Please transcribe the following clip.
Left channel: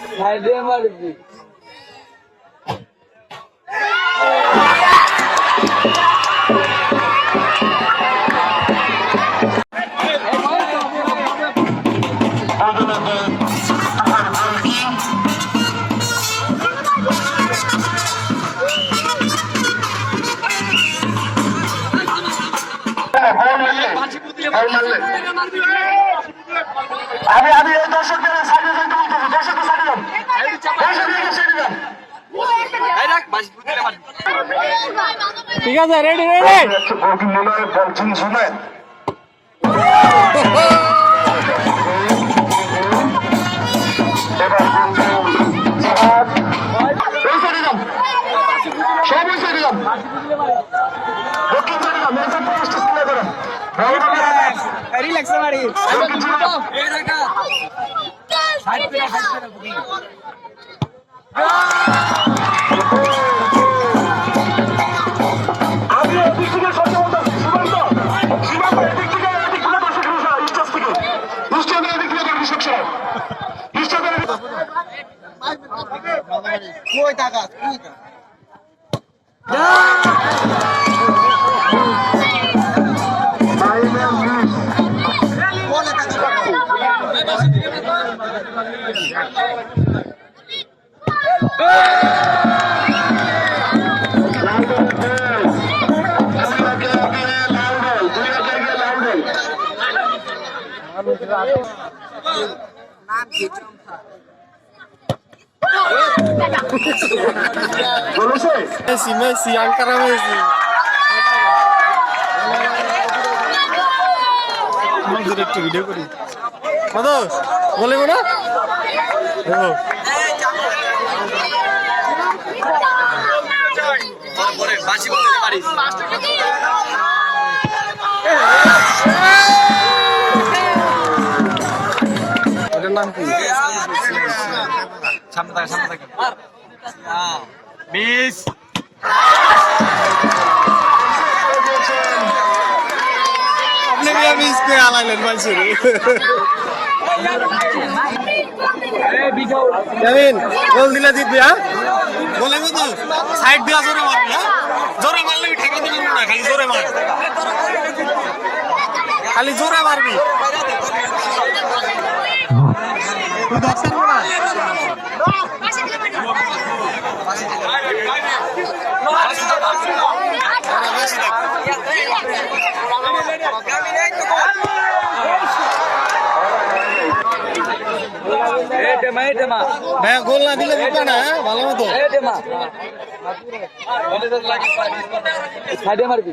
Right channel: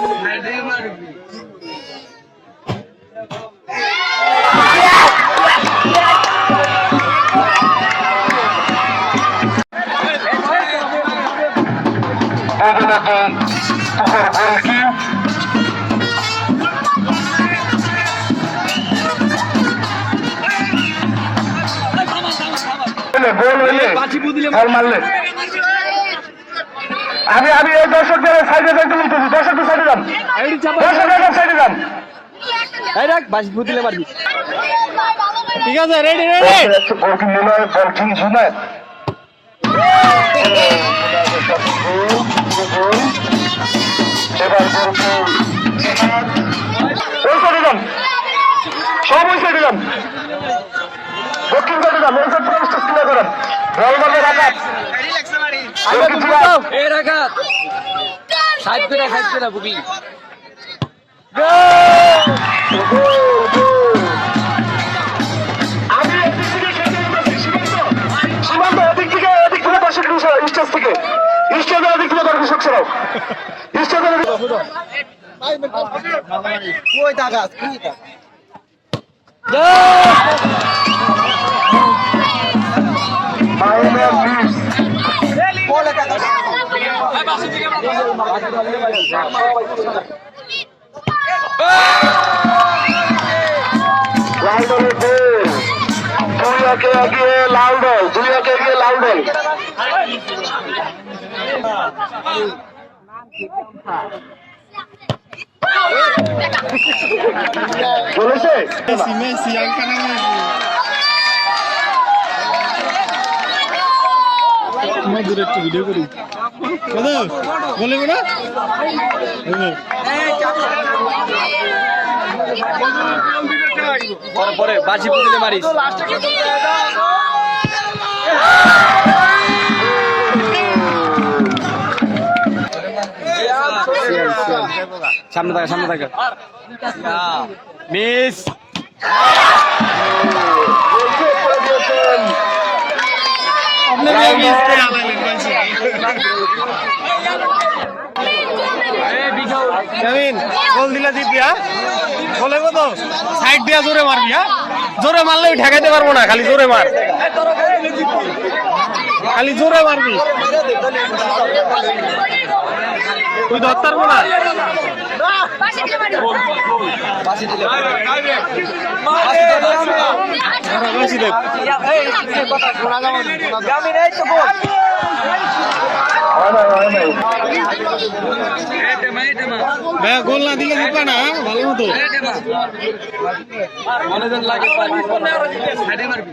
সাইডে মারবি আমি এই দর্শকদের সাইডে যাইতে বলতেছি, দর্শকদের সাইডে যান, সাইডে যান। ঠিক আছে, রেডি রেডি। মনে হয় বল ঠিক শুনে এবার সাইডে যান, সব ওই সাইডে যান, দক্ষিণ সাইডে যান, করেন আমি এদিক থেকে সীমান্ত এদিক থেকে দর্শক স্টেজ থেকে স্টেজের এদিক থেকে দর্শক সরাও স্টেজের বলেছে মেসি মেসি আঙ্কারা মেসি আমাদের একটু ভিডিও করি কত বলে না পরে বাজি বলতে মারিস সামনে থাকা মিস আপনি মিস কে আলাইলেন মাইছে জামিন গোল দিলা জিতবি হ্যাঁ গোলে মতো সাইড দিয়া জোরে মারবি হ্যাঁ জোরে মারলে ঠেকাইতে পারবো না খালি জোরে মার খালি জোরে মারবি তুই ধরতে পারবো না গোল না দিলে দিবা না ভালো মতো সাইডে মারবি